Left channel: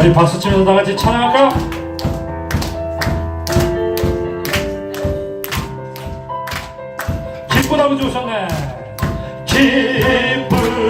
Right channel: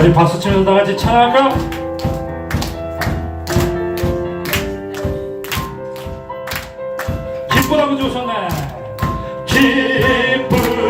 우리 박수 치면서 다 같이 찬양할까요? 기쁘다고 주셨네 기쁘다고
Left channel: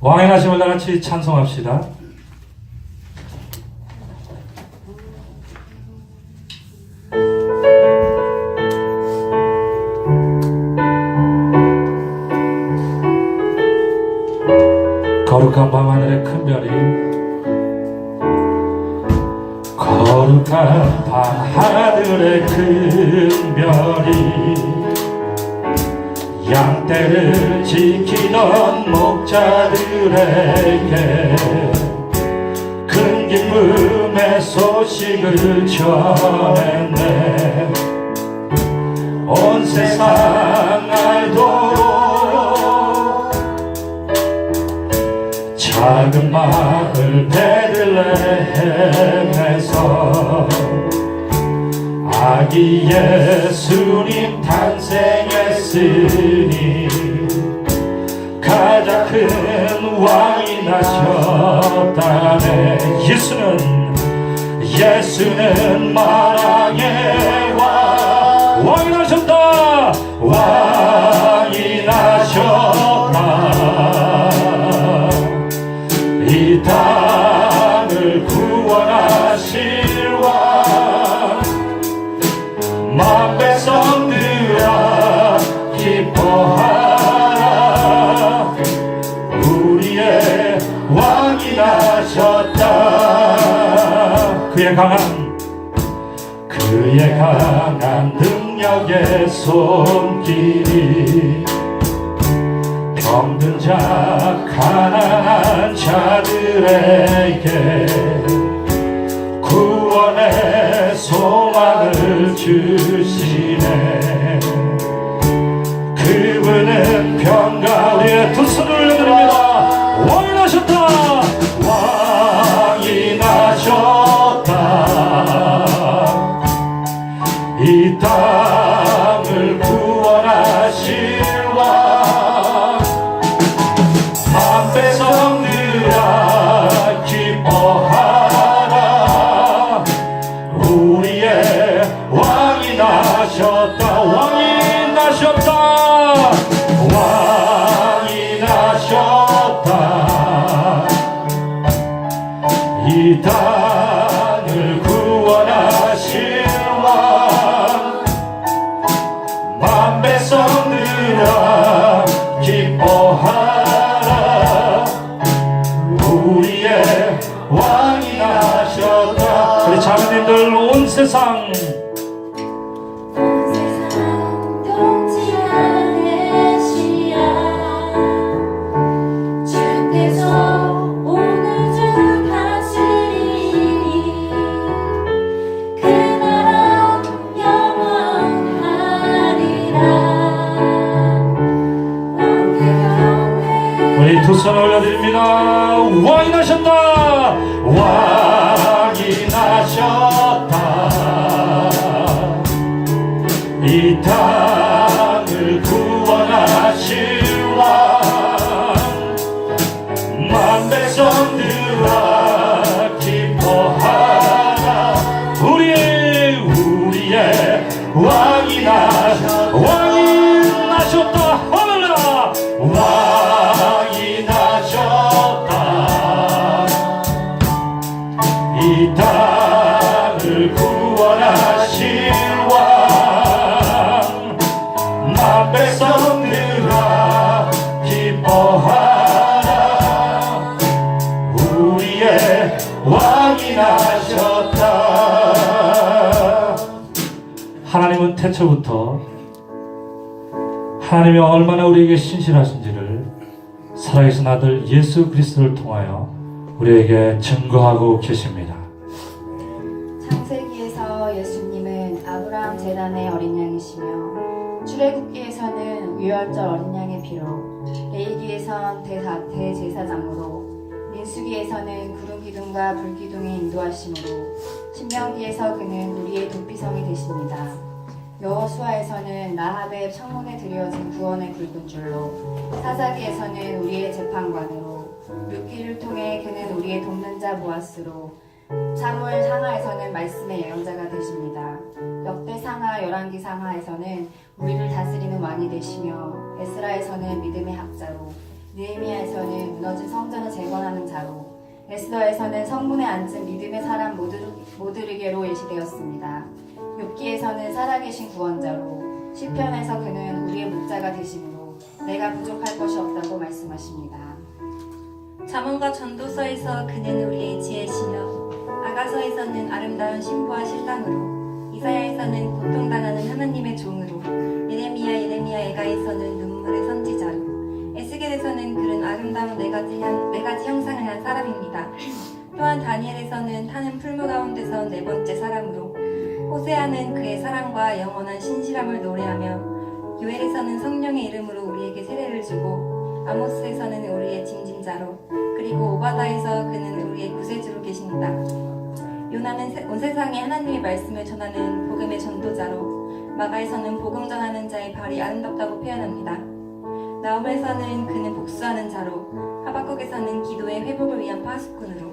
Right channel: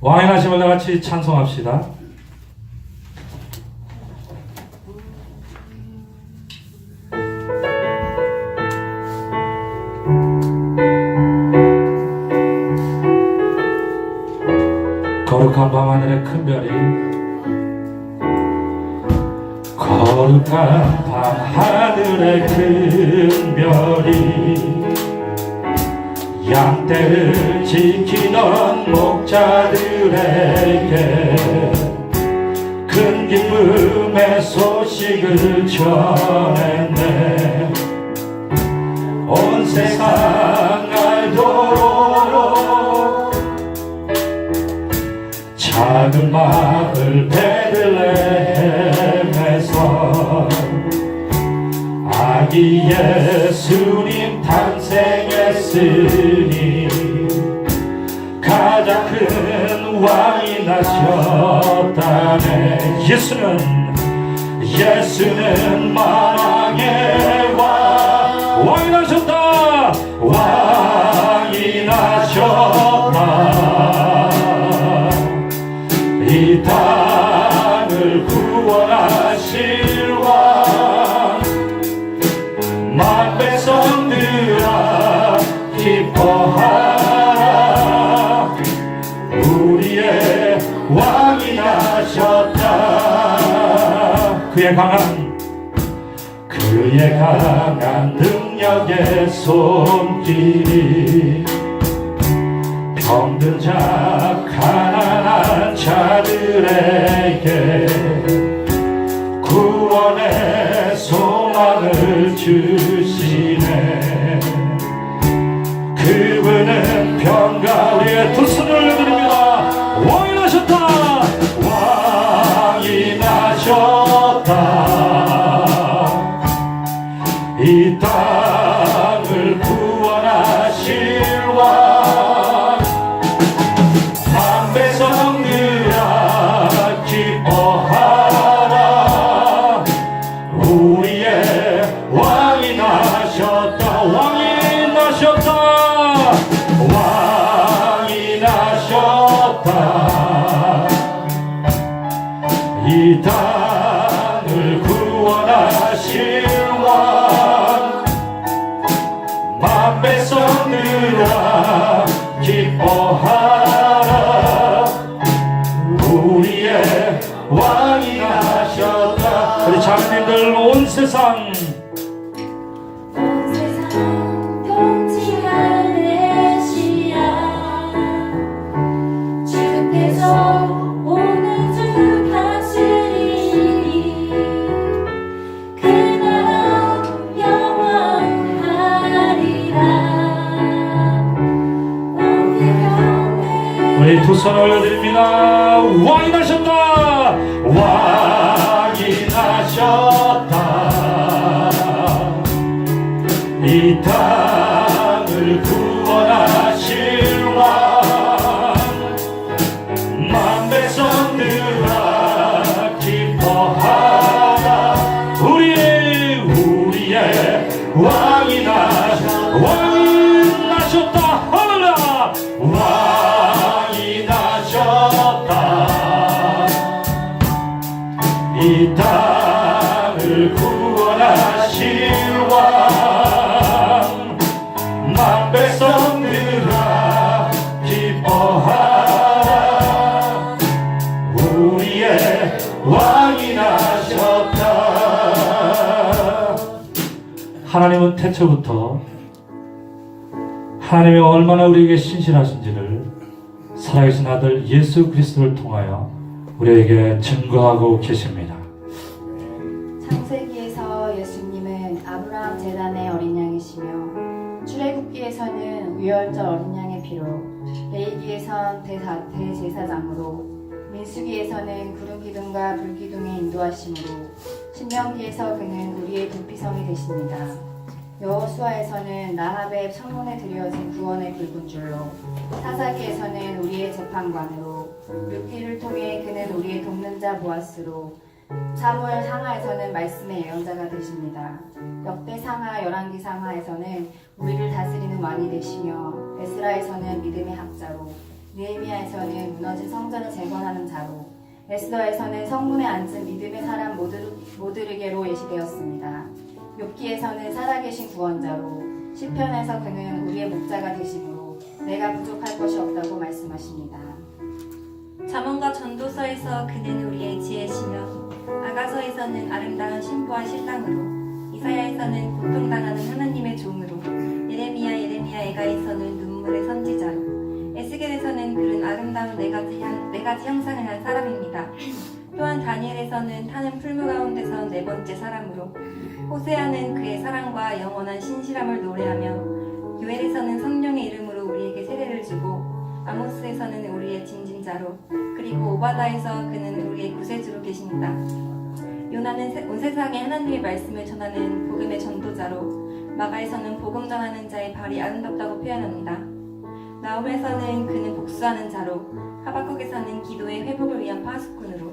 왕의 나심을 다 같이 찬송합시다. 거룩한 밤하늘의 큰 별이 거룩한 밤하늘의 큰 별이 양떼를 지키던 목자들에게 큰 기쁨의 소식을 전했네 온 세상 알도록 작은 마을 베 아기 예수님 탄생했으니 가장 큰 왕이 나셨다네. 예수는 예수는 만왕 왕이 나셨다. 그의 강한 그의 강한 능력의 손길이 병든 자 가난한 자들에게 구원의 소망을 주 이 땅을 손 올려드립니다. 왕이 나셨다. 왕이 나셨다. 이 땅 태초부터 하나님이 얼마나 우리에게 신실하신지를 살아계신 아들 예수 그리스도를 통하여 우리에게 증거하고 계십니다. 창세기에서 예수님은 아브라함 제단의 어린 양이시며 출애굽기에서는 유월절 어린 양의 피로 레이기에선 대사, 대제사장으로 민수기에서는 구름 기둥과 불 기둥의 인도하심으로 신명기에서 그는 우리의 도피성이 되십니다. 여호수아에서는 나합의 청문에 드려진 구원의 굵은 줄로 사사기에서는 우리의 재판관으로 룻기를 통해 그는 우리의 돕는 자 보아스로 사무엘 상하에서는 말씀의 예언자가 되십니다. 역대 상하, 열왕기 상하에서는 우리를 다스리는 왕이 되시며 에스라에서는 믿음의 학자로 느헤미야에서는 무너진 성전을 재건하는 자로 에스더에서는 성문에 앉은 믿음의 사람 모두, 모두에게로 예시되었습니다. 욥기에서는 살아계신 구원자로 시편에서 그는 우리의 목자가 되심으로 내가 부족할 것이 없다고 말씀하십니다. 잠언과 전도서에서 그는 우리의 지혜시며 아가서에서는 아름다운 신부와 신랑으로 이사야에서는 고통당하는 하나님의 종으로 예레미야 예레미야 에가에서는 눈물의 선지자로 에스겔에서는 그는 아름다운 네 가지, 형, 네 가지 형상을 한 사람입니다. 또한 다니엘에서는 타는 풀무 가운데서 네 번째 사람으로 호세아는 그의 사랑과 영원한 신실함을 노래하며 요엘에서는 성령의 이름으로 우리에게 세례를 주고 아모스에서는 우리의 징징자로 그리고 오바다에서 그는 우리의 구세주로 계십니다. 요나는 세- 온 세상에 하나님의 말씀을 전하는 복음의 전도자로 마가에서는 복음 전하는 자의 발이 아름답다고 표현합니다. 나움에서는 그는 복수하는 자로 하박국에서는 기도의 회복을 위한 파수꾼으로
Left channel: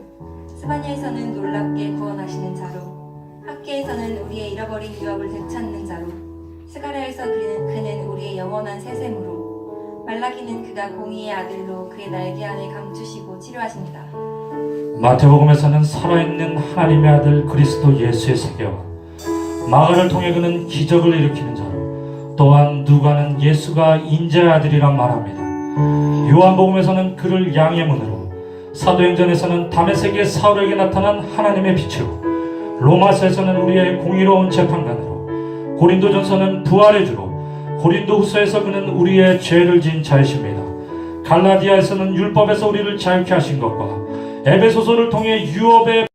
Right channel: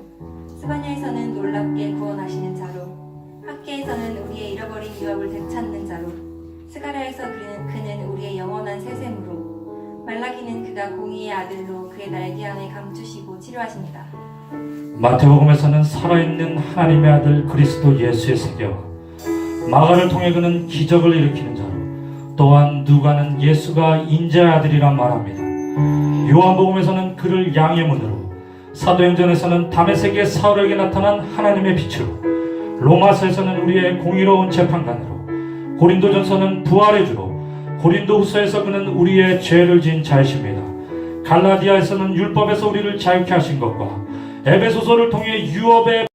스바냐에서는 놀랍게 구원하시는 자로 학계에서는 우리의 잃어버린 유업을 되찾는 자로 스가랴에서 그는, 그는 우리의 영원한 세셈으로 말라기는 그가 공의의 아들로 그의 날개 안에 감추시고 치료하십니다. 마태복음에서는 살아있는 하나님의 아들 그리스도 예수의 세계와 마가를 통해 그는 기적을 일으키는 자로 또한 누가는 예수가 인자의 아들이라 말합니다. 요한복음에서는 그를 양의 문으로 사도행전에서는 담에색의 사울에게 나타난 하나님의 빛으로 로마서에서는 우리의 공의로운 재판관으로 고린도전서는 부활의 주로 고린도후서에서 그는 우리의 죄를 지은 자이십니다. 갈라디아에서는 율법에서 우리를 자유케 하신 것과 에베소서를 통해 유업의